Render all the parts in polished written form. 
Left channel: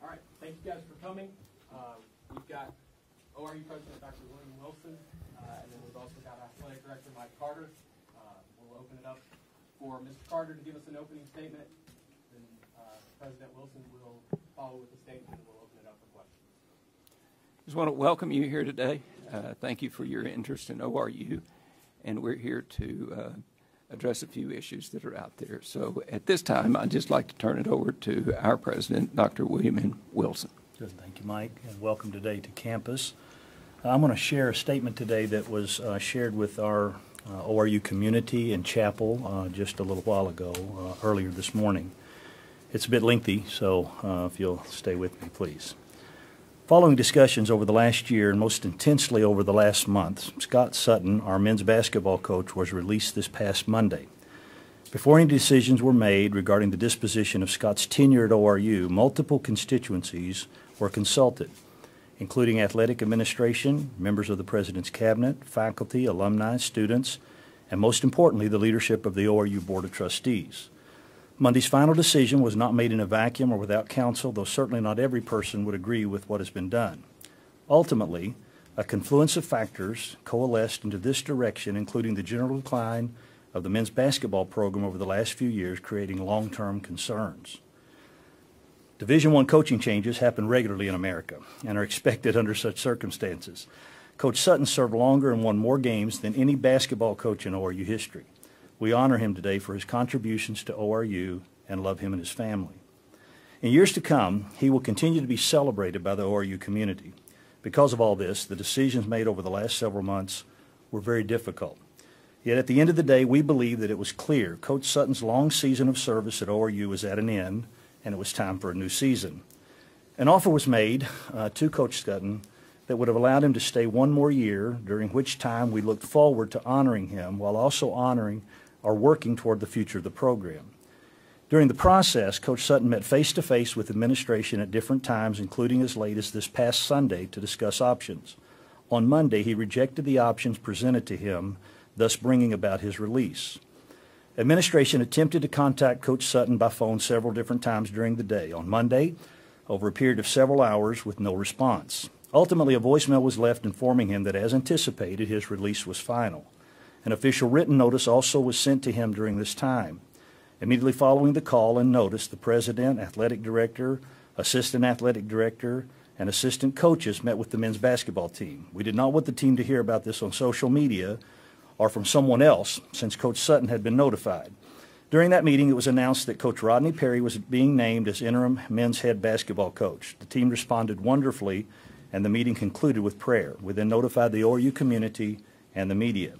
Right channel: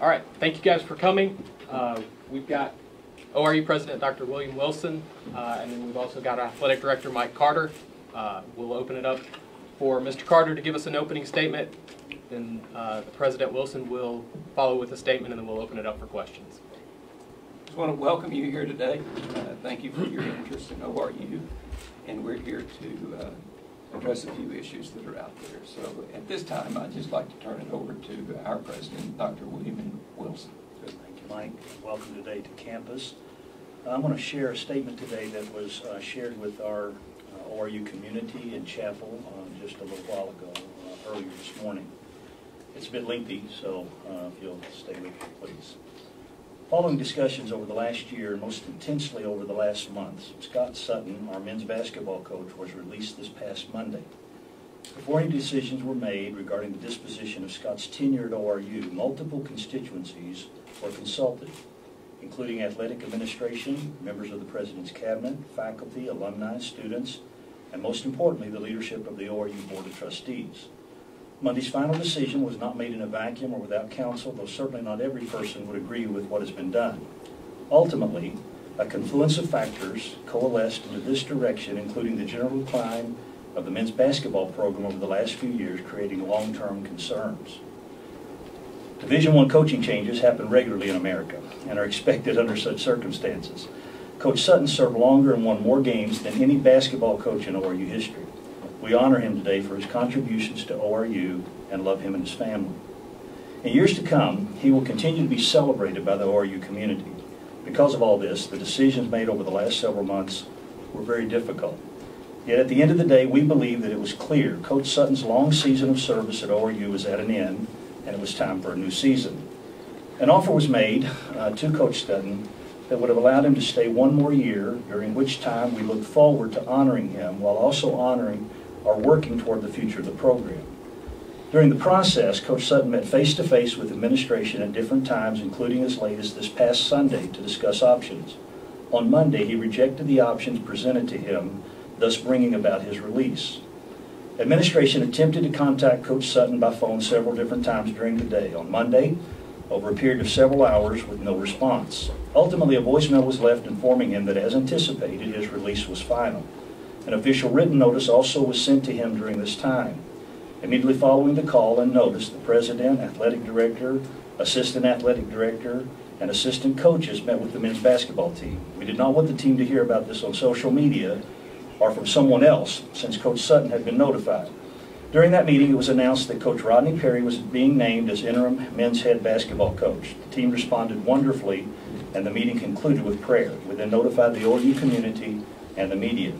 All right, thank you guys for coming. We've got ORU President Dr. William Wilson, and then we've also got Athletic Director Mike Carter. We'll open it up for Mr. Carter to give us an opening statement. Then the President Wilson will follow with a statement, and then we'll open it up for questions. I just want to welcome you here today. Thank you for your interest in ORU, and we're here to address a few issues that are out there. So at this time, I'd just like to turn it over to our President, Dr. William Wilson. Good. Thank you, Mike, and welcome today to campus. I'm going to share a statement today that was shared with our ORU community in chapel just a little while ago, earlier this morning. It's a bit lengthy, so if you'll stay with me, please. Following discussions over the last year and most intensely over the last month, Scott Sutton, our men's basketball coach, was released this past Monday. Before any decisions were made regarding the disposition of Scott's tenure at ORU, multiple constituencies were consulted, including athletic administration, members of the President's Cabinet, faculty, alumni, students, and most importantly, the leadership of the ORU Board of Trustees. Monday's final decision was not made in a vacuum or without counsel, though certainly not every person would agree with what has been done. Ultimately, a confluence of factors coalesced into this direction, including the general decline of the men's basketball program over the last few years, creating long-term concerns. Division I coaching changes happen regularly in America and are expected under such circumstances. Coach Sutton served longer and won more games than any basketball coach in ORU history. We honor him today for his contributions to ORU and love him and his family. In years to come, he will continue to be celebrated by the ORU community. Because of all this, the decisions made over the last several months were very difficult. Yet at the end of the day, we believe that it was clear Coach Sutton's long season of service at ORU was at an end, and it was time for a new season. An offer was made to Coach Sutton that would have allowed him to stay one more year, during which time we look forward to honoring him while also honoring or working toward the future of the program. During the process, Coach Sutton met face-to-face with administration at different times, including as late as this past Sunday, to discuss options. On Monday, he rejected the options presented to him, thus bringing about his release. Administration attempted to contact Coach Sutton by phone several different times during the day. On Monday, over a period of several hours with no response. Ultimately, a voicemail was left informing him that, as anticipated, his release was final. An official written notice also was sent to him during this time. Immediately following the call and notice, the president, athletic director, assistant athletic director, and assistant coaches met with the men's basketball team. We did not want the team to hear about this on social media or from someone else, since Coach Sutton had been notified. During that meeting, it was announced that Coach Rodney Perry was being named as interim men's head basketball coach. The team responded wonderfully, and the meeting concluded with prayer. We then notified the ORU community and the media.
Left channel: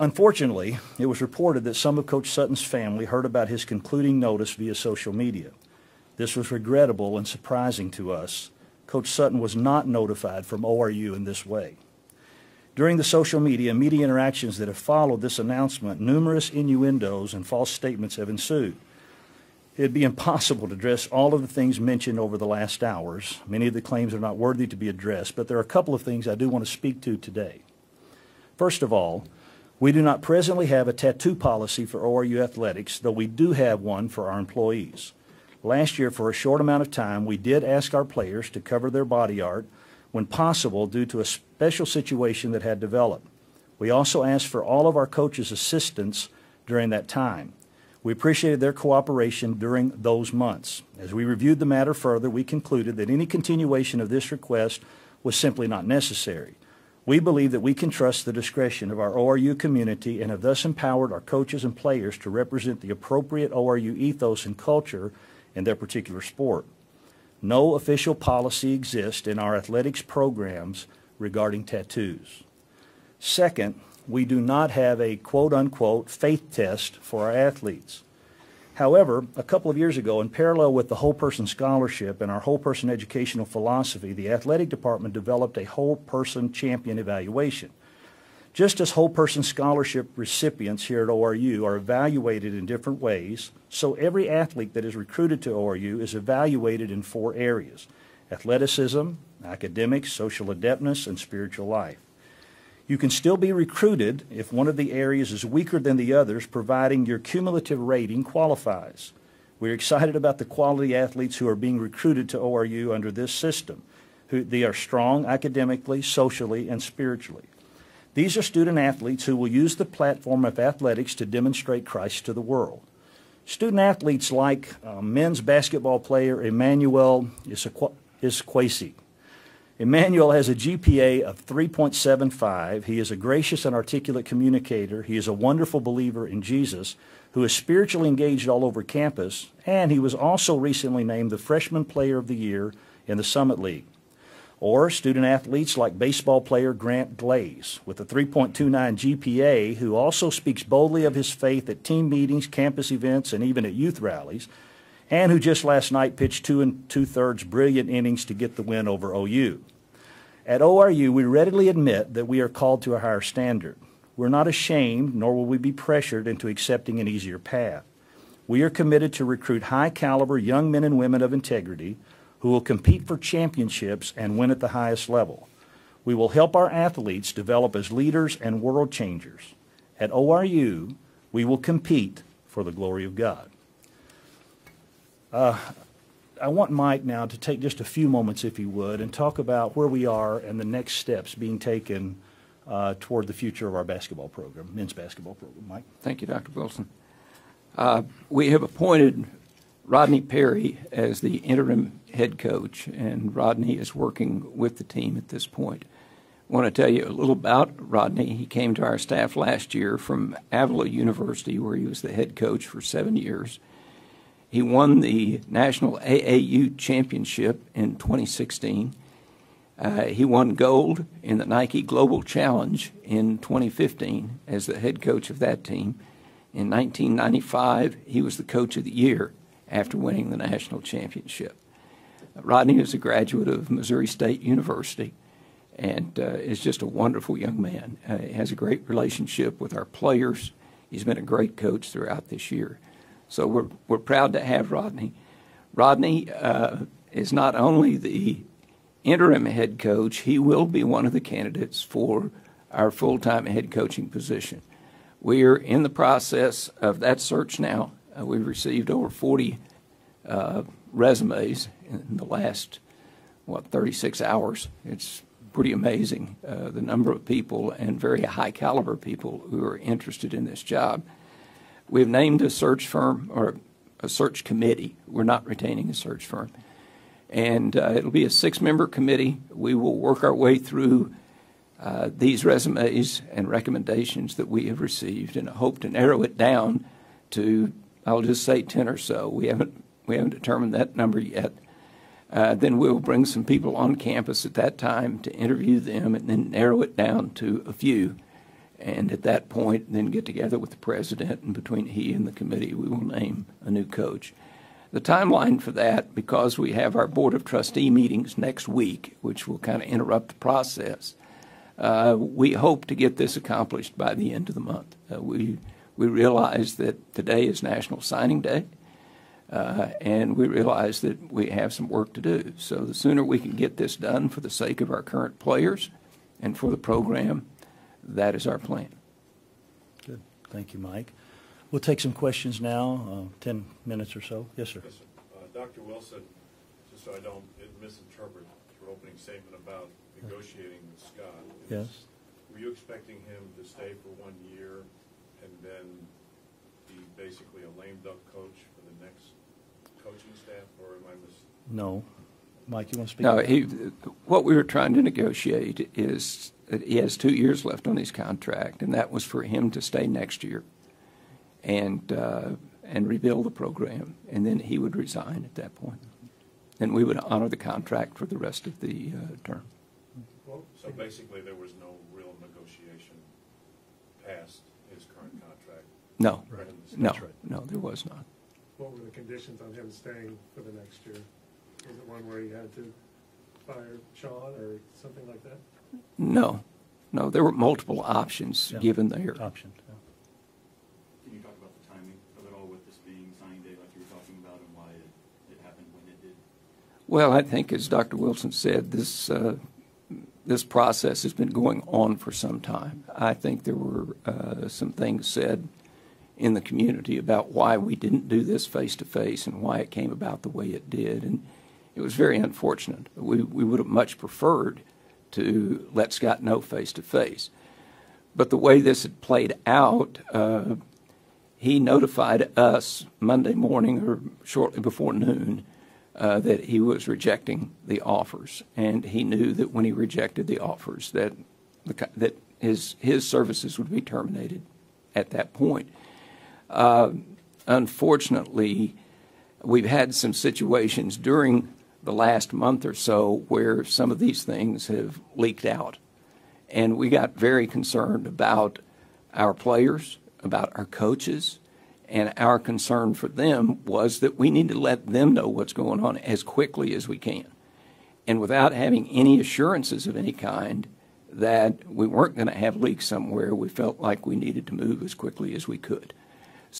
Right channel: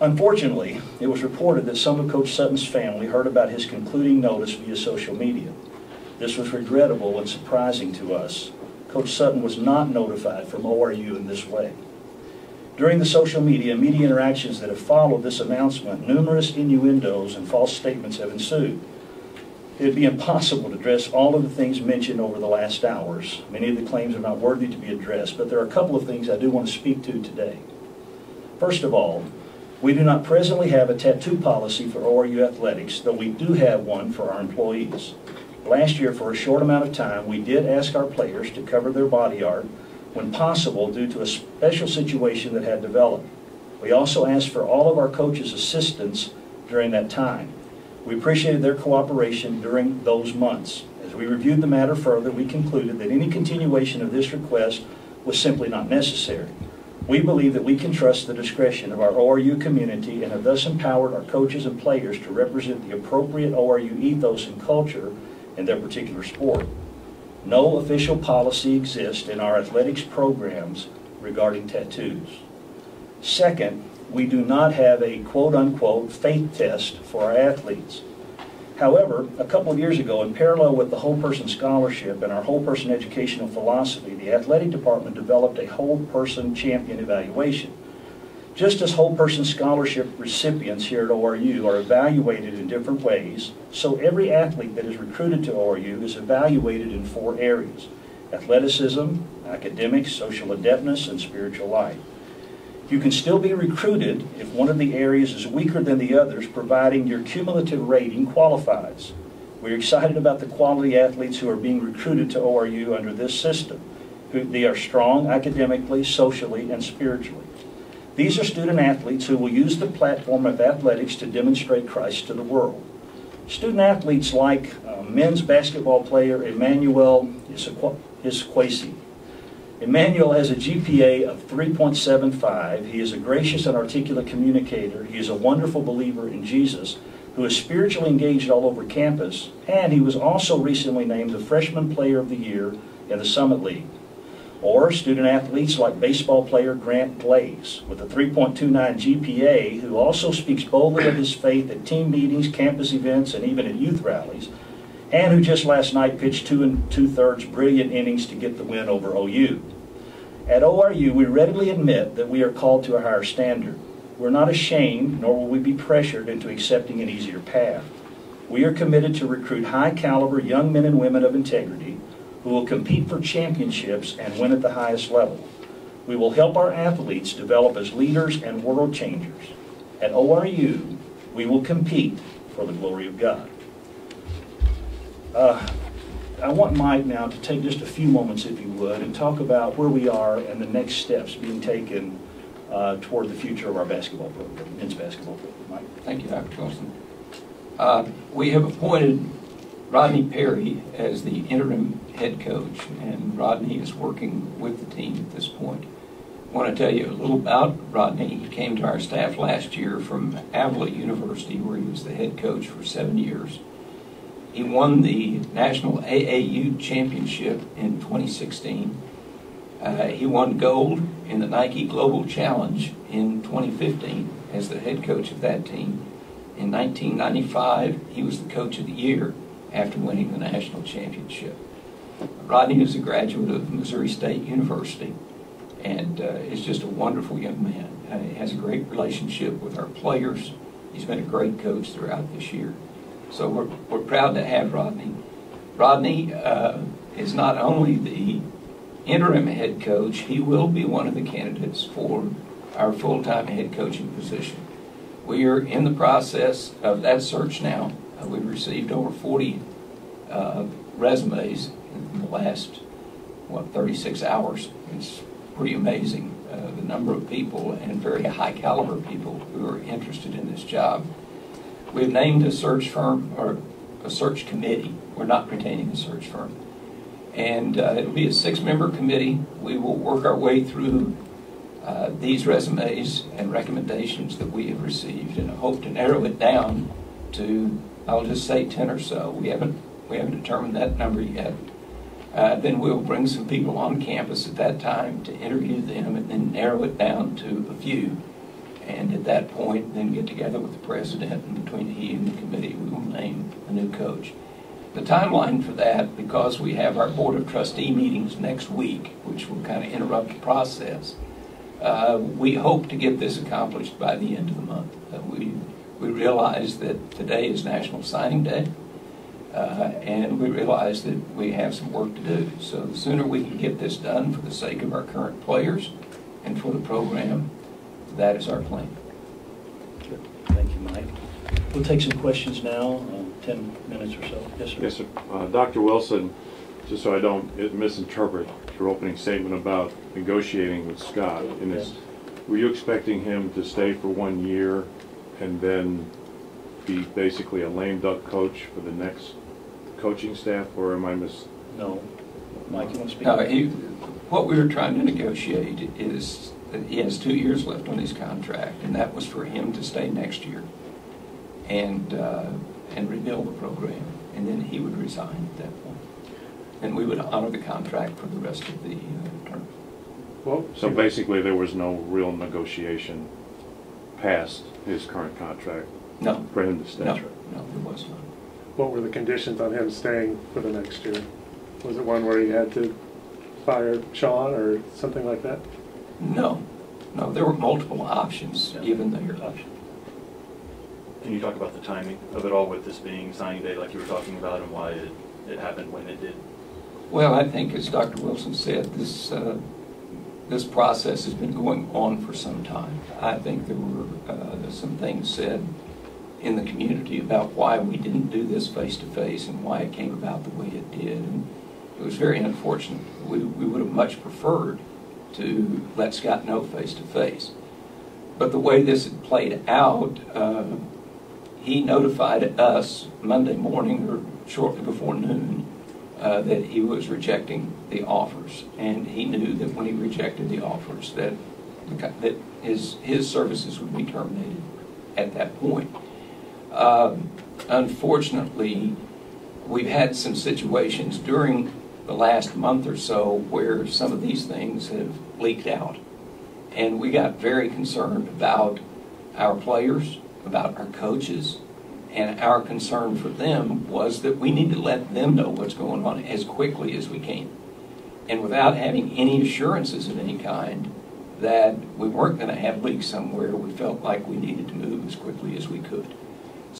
Unfortunately, it was reported that some of Coach Sutton's family heard about his concluding notice via social media. This was regrettable and surprising to us. Coach Sutton was not notified from ORU in this way. During the social media and media interactions that have followed this announcement, numerous innuendos and false statements have ensued. It would be impossible to address all of the things mentioned over the last hours. Many of the claims are not worthy to be addressed, but there are a couple of things I do want to speak to today. First of all, we do not presently have a tattoo policy for ORU athletics, though we do have one for our employees. Last year, for a short amount of time, we did ask our players to cover their body art when possible due to a special situation that had developed. We also asked for all of our coaches' assistance during that time. We appreciated their cooperation during those months. As we reviewed the matter further, we concluded that any continuation of this request was simply not necessary. We believe that we can trust the discretion of our ORU community and have thus empowered our coaches and players to represent the appropriate ORU ethos and culture in their particular sport. No official policy exists in our athletics programs regarding tattoos. Second, we do not have a quote-unquote faith test for our athletes. However, a couple of years ago, in parallel with the Whole Person Scholarship and our Whole Person Educational Philosophy, the Athletic Department developed a Whole Person Champion Evaluation. Just as Whole Person Scholarship recipients here at ORU are evaluated in different ways, so every athlete that is recruited to ORU is evaluated in 4 areas: athleticism, academics, social adeptness, and spiritual life. You can still be recruited if one of the areas is weaker than the others, providing your cumulative rating qualifies. We're excited about the quality athletes who are being recruited to ORU under this system. They are strong academically, socially, and spiritually. These are student athletes who will use the platform of athletics to demonstrate Christ to the world. Student athletes like men's basketball player Emmanuel Iskwesi. Emmanuel has a GPA of 3.75. He is a gracious and articulate communicator. He is a wonderful believer in Jesus who is spiritually engaged all over campus, and he was also recently named the Freshman Player of the Year in the Summit League. Or student athletes like baseball player Grant Glaze with a 3.29 GPA who also speaks boldly of his faith at team meetings, campus events, and even at youth rallies, and who just last night pitched 2 2/3 brilliant innings to get the win over OU. At ORU, we readily admit that we are called to a higher standard. We're not ashamed, nor will we be pressured into accepting an easier path. We are committed to recruit high-caliber young men and women of integrity who will compete for championships and win at the highest level. We will help our athletes develop as leaders and world changers. At ORU, we will compete for the glory of God. I want Mike now to take just a few moments, if he would, and talk about where we are and the next steps being taken toward the future of our basketball program, men's basketball program. Mike? Thank you, Dr. Wilson. We have appointed Rodney Perry as the interim head coach, and Rodney is working with the team at this point. I want to tell you a little about Rodney. He came to our staff last year from Avila University, where he was the head coach for 7 years. He won the National AAU Championship in 2016. He won gold in the Nike Global Challenge in 2015 as the head coach of that team. In 1995, he was the coach of the year after winning the national championship. Rodney is a graduate of Missouri State University and is just a wonderful young man. He has a great relationship with our players. He's been a great coach throughout this year. So we're proud to have Rodney. Rodney is not only the interim head coach, he will be one of the candidates for our full-time head coaching position. We are in the process of that search now. We've received over 40 resumes in the last, 36 hours. It's pretty amazing, the number of people and very high caliber people who are interested in this job. We've named a search firm, or a search committee. We're not retaining a search firm. And it'll be a 6-member committee. We will work our way through these resumes and recommendations that we have received, and I hope to narrow it down to, I'll just say 10 or so. We haven't determined that number yet. Then we'll bring some people on campus at that time to interview them, and then narrow it down to a few. And at that point, then get together with the president, and between he and the committee, we will name a new coach. The timeline for that, because we have our Board of Trustee meetings next week, which will kind of interrupt the process, we hope to get this accomplished by the end of the month. We realize that today is National Signing Day, and we realize that we have some work to do. So the sooner we can get this done for the sake of our current players and for the program, that is our plan. Good. Thank you, Mike. We'll take some questions now, 10 minutes or so. Yes, sir. Yes, sir. Dr. Wilson, just so I don't misinterpret your opening statement about negotiating with Scott, Yes. Were you expecting him to stay for 1 year and then be basically a lame duck coach for the next coaching staff, or am I No. Mike, you want to speak? No, what we were trying to negotiate is that he has 2 years left on his contract, and that was for him to stay next year and rebuild the program, and then he would resign at that point. And we would honor the contract for the rest of the term. Well, so basically there was no real negotiation past his current contract No, for him to stay? no, there was not. What were the conditions on him staying for the next year? Was it one where he had to fire Sean or something like that? No, there were multiple options given there. Can you talk about the timing of it all, with this being signing day like you were talking about, and why it happened when it did? Well, I think, as Dr. Wilson said, this process has been going on for some time. I think there were some things said in the community about why we didn't do this face-to-face and why it came about the way it did. And it was very unfortunate. We would have much preferred to let Scott know face-to-face. But the way this had played out, he notified us Monday morning or shortly before noon that he was rejecting the offers. And he knew that when he rejected the offers that his services would be terminated at that point. Unfortunately, we've had some situations during the last month or so where some of these things have leaked out. And we got very concerned about our players, about our coaches, and our concern for them was that we need to let them know what's going on as quickly as we can. And without having any assurances of any kind that we weren't going to have leaks somewhere, we felt like we needed to move as quickly as we could.